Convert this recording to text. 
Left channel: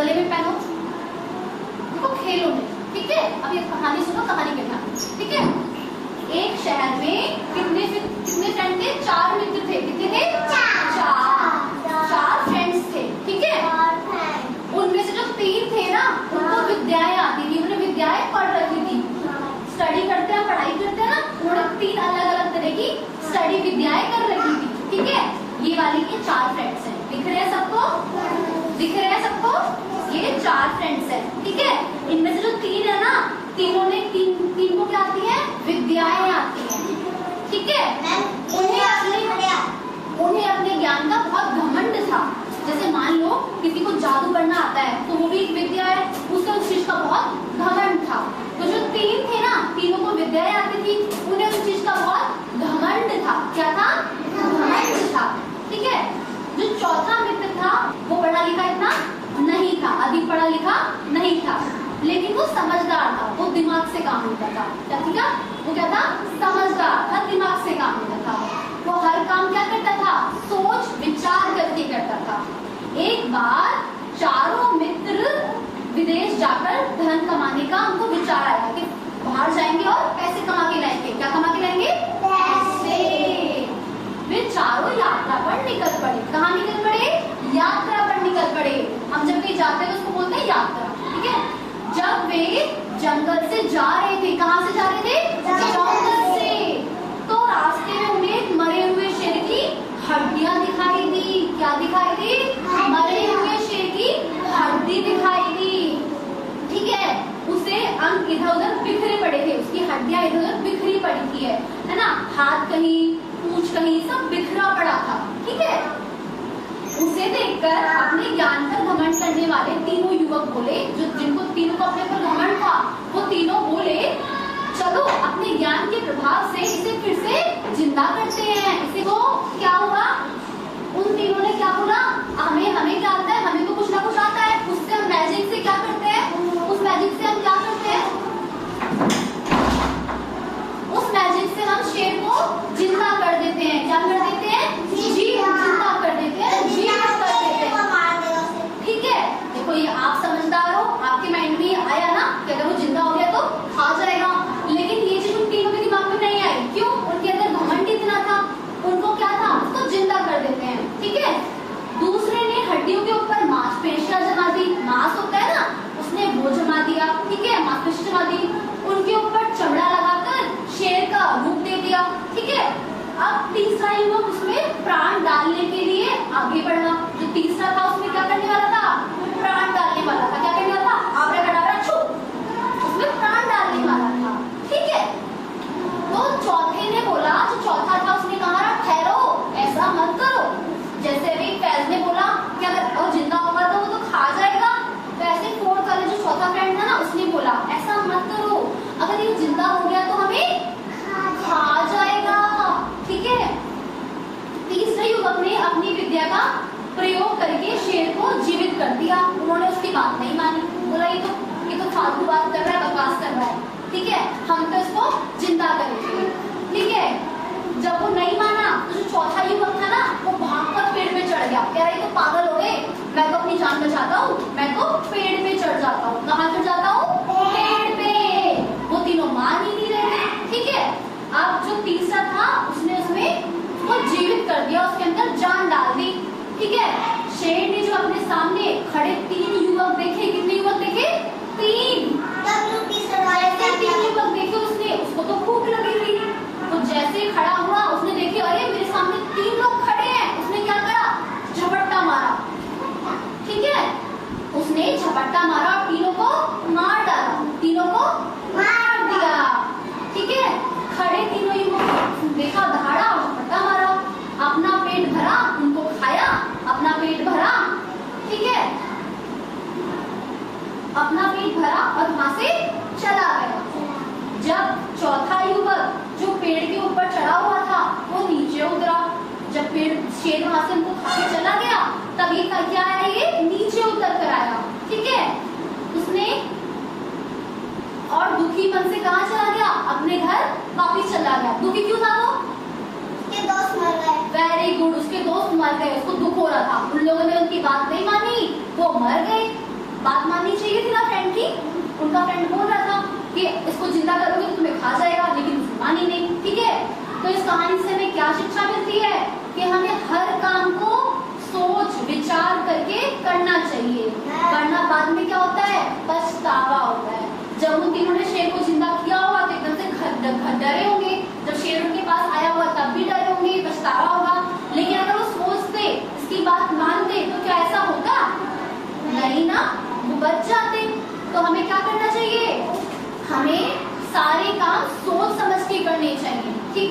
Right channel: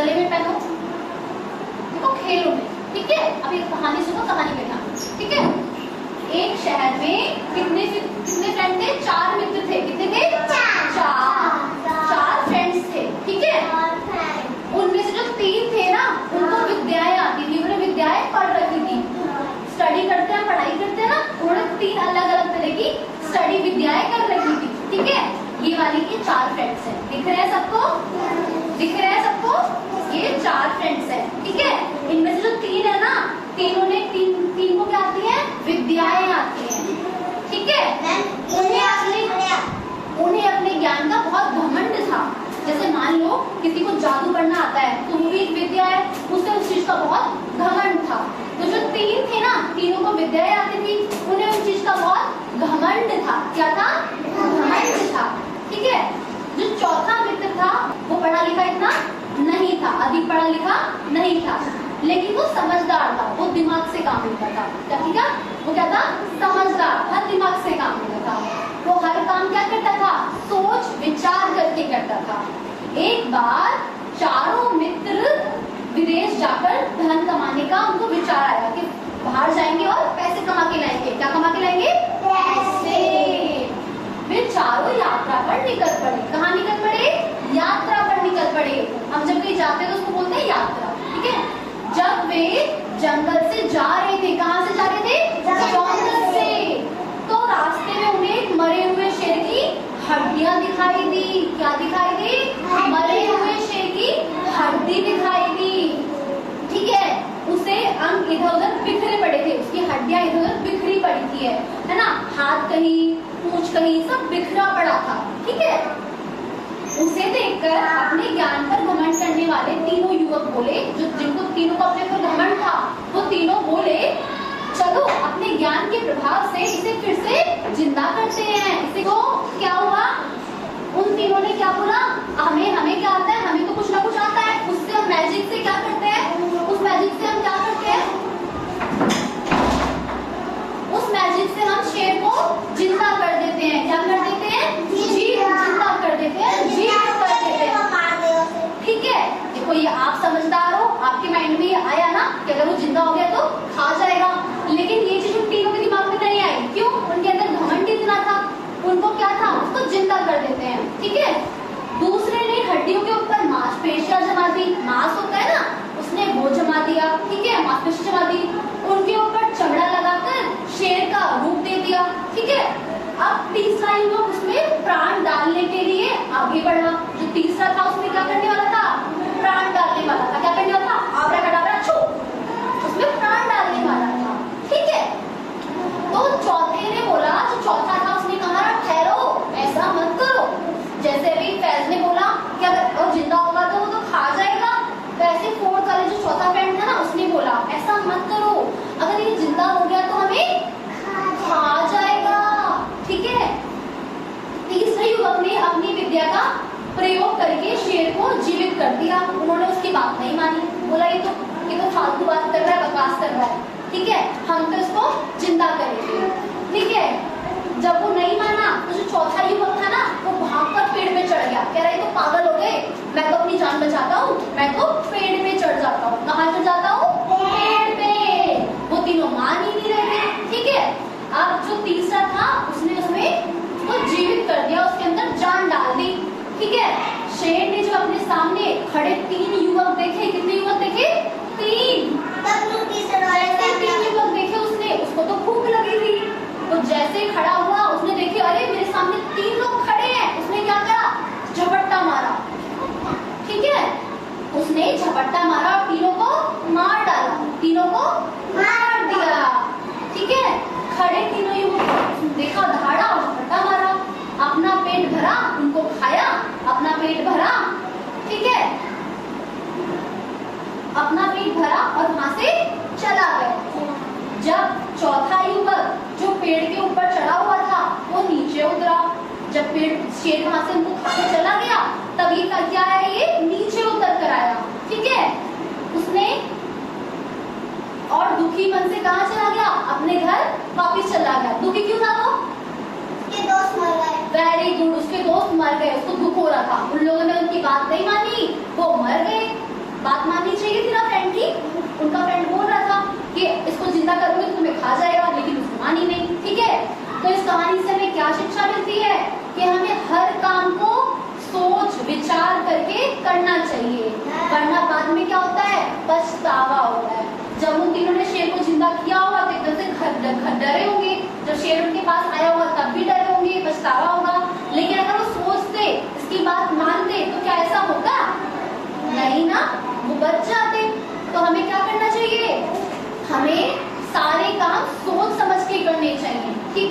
गले में पहनो, देखो खेलो में, ठीक है। अब एक कहानी सुनो, कहानी करना, ठीक है। एक शहर में कितने फ्रेंड थे? 4 मित्र थे। कितने थे? 4 फ्रेंड्स थे, ठीक है। उनमें से जो 3 थे ना, उनको विद्याएं आती थी, उन्होंने विद्याएं पढ़ रखी थी। स्टडी करते हैं, पढ़ाई करते हैं ना, उन्होंने 3 अलग अलग तरह की स्टडी विद्याएं कर रखी थी, ठीक है। ये वाली ये 4 फ्रेंड्स हैं, दिख रहे हैं सबको? दिख रहे हैं सबको? ये 4 फ्रेंड्स हैं, ठीक है। इनमें से जो 3 है ना, तीन को क्या आती है? विद्याएं आती हैं, ठीक है। उन्हें अपने ज्ञान का बहुत घमंड था। जैसे मान लो किसी को जादू करना आता है तो वो भी एक विद्या है, उसे उस चीज का बहुत घमंड था। तो जो 3 थे ना, तीनों को विद्याएं आती थी, उन्हें उस चीज का बहुत घमंड था। क्या था? घमंड था, ठीक है। जो चौथा मित्र था वो पढ़ा लिखा इतना नहीं था, अधिक पढ़ा लिखा नहीं था, लेकिन वो समझदार था, वो दिमाग से काम लेता था। क्या था? वो क्या था? समझदार था, दिमाग से काम लेता था। वो हर काम क्या करता था? सोच विचार करके करता था। एक बार चारों मित्र विदेश जाकर धन कमाने का उनको विचार आया कि बाहर जाएंगे और पैसे कमा के लाएंगे। क्या कमा के लाएंगे? पैसे। वे चारों यात्रा पर निकल पड़े। कहाँ निकल पड़े? यात्रा पर निकल पड़े। हम जब कहीं जाते हैं तो उसको बोलते हैं यात्रा, ठीक है। जब वे जंगल से जा रहे थे, कहाँ से जा रहे थे? जंगल से। तो रास्ते में उन्हें एक मरे हुए शेर की हड्डियां दिखाई दी। क्या दिखाई दी? मरे हुए शेर की हड्डी दिखाई दी, ठीक है। उसे अंग इधर उधर बिखरे पड़े थे, उसकी हड्डियां इधर उधर बिखरी पड़ी थी, है ना। हाथ कहीं, पूंछ कहीं, सब बिखरा पड़ा था, ठीक है। उसे देखकर अपने ज्ञान पर घमंड करने वाले तीनों युवक बोले, जो जिनको तीनों को अपने पर घमंड था, वो तीनों बोले, चलो अपने ज्ञान के प्रभाव से इसे फिर से जिंदा करते हैं। इसे तो क्या हुआ? उन तीनों ने क्या बोला? हमें क्या आता है? हमें तो कुछ ना कुछ आता है, उससे हम मैजिक से क्या करते हैं? उस मैजिक से हम क्या करते हैं? उस मैजिक से हम शेर को जिंदा कर देते हैं। क्या कर देते हैं? जिंदा कर देते हैं, जीवित कर देते हैं, ठीक है। देखो ये आप समझदार हो, आपके माइंड में ये आया ना कि अगर वो जिंदा हो गया तो खा जाएगा, लेकिन ये चीज उन तीनों के दिमाग में नहीं आई। क्यों? उनके अंदर घमंड इतना था, उनको क्या था? उसको जिंदा कर देते हैं, ठीक है। दूसरे ने हड्डियों के ऊपर मांसपेशियां जमा दी। मांस होता है ना, उसने वो जमा दिया, ठीक है, मांसपेशी जमा दी। उनके ऊपर चमड़ा लगाकर शेर का रूप दे दिया, ठीक है। अब तीसरा युवक उसमें प्राण डालने के लिए आगे बढ़ा। जो तीसरा था उसमें क्या करने वाला था? प्राण डालने वाला था। क्या करने वाला था? आबराकडाबरा छू, उसमें प्राण डालने वाला था, ठीक है। तो चौथे ने बोला, जो चौथा था उसने कहा, ठहरो, ऐसा मत करो। जैसे अभी फैज ने बोला कि अगर जिंदा होगा तो वो तो खा जाएगा, वैसे फोर्थ वाले जो चौथा फ्रेंड था ना, उसने बोला ऐसा मत करो, अगर ये जिंदा हो गया तो हमें खा जाएगा, ठीक है। तीसरे युवक ने अपनी विद्या का प्रयोग करके शेर को जीवित कर दिया। उन्होंने उसकी बात नहीं मानी, बोला ये तो फालतू बात कर रहा है, बकवास कर रहा है, ठीक है, हम तो इसको जिंदा करेंगे, ठीक है। जब वो नहीं माना तो जो चौथा युवक था ना, वो भागकर पेड़ पे चढ़ गया। कह रहा है तो पागल हो गए, मैं तो अपनी जान बचाता हूँ, मैं तो पेड़ पे चढ़ जाता हूँ। कहाँ चढ़ जाता हूँ? पेड़ पे। वो तीनों मान ही नहीं रहे, ठीक है। अब जो तीसरा था उसने उसको जीवित कर दिया, उसके अंदर जान डाल दी, ठीक है। शेर ने जो अपने सामने खड़े 3 युवक देखे, कितने युवक देखे? 3। जैसे 3 युवक देखे उसने, उसको तो भूख लगी थी, तो जैसे खड़ा हुआ उसने देखे, अरे मेरे सामने 3 लोग खड़े हैं। उसने क्या करा? झपट्टा मारा, ठीक है। उसने झपट्टा मारा और तीनों को मार डाला, तीनों को मार दिया, ठीक है। खड़े तीनों युवक देखा, दहाड़ा और झपट्टा मारा, अपना पेट भरा, उनको खाया, अपना पेट भरा, ठीक है, अपना पेट भरा और वहां से चला गया। जब चौथा युवक जो पेड़ के ऊपर चढ़ा हुआ था वो नीचे उतरा, जब शेर वहां से उनको खा के चला गया, तब ये क्या आया? ये नीचे उतर कर आया, ठीक है। उसने और दुखी मन से कहाँ चला गया? अपने घर वापिस चला गया। दुखी क्यों था वो? उसके दोस्त मर गए। वेरी गुड, उसके दोस्त मर गए, उसको दुख हो रहा था। उन लोगों ने उनकी बात नहीं मानी, वो मर गए, बात माननी चाहिए थी ना फ्रेंड की। उनका फ्रेंड बोल रहा था कि इसको जिंदा करोगे तो तुम्हें खा जाएगा, लेकिन उसने मानी नहीं। ठीक है, तो इस कहानी से हमें क्या शिक्षा मिलती है कि हमें हर काम को सोच विचार करके करना चाहिए, वरना बाद में क्या होता है, पछतावा होता है। जब उन तीनों ने शेर को जिंदा किया होगा तो एकदम से डरे होंगे, जब शेर उनके पास आया हुआ तब भी डरे होंगे, पछतावा होगा। लेकिन अगर वो सोचते, इसकी बात मानते, तो क्या ऐसा होता? नहीं ना, वो बच जाते। तो हमें क्या करना चाहिए, हमें सारे काम सोच समझ के करने चाहिए। ठीक है।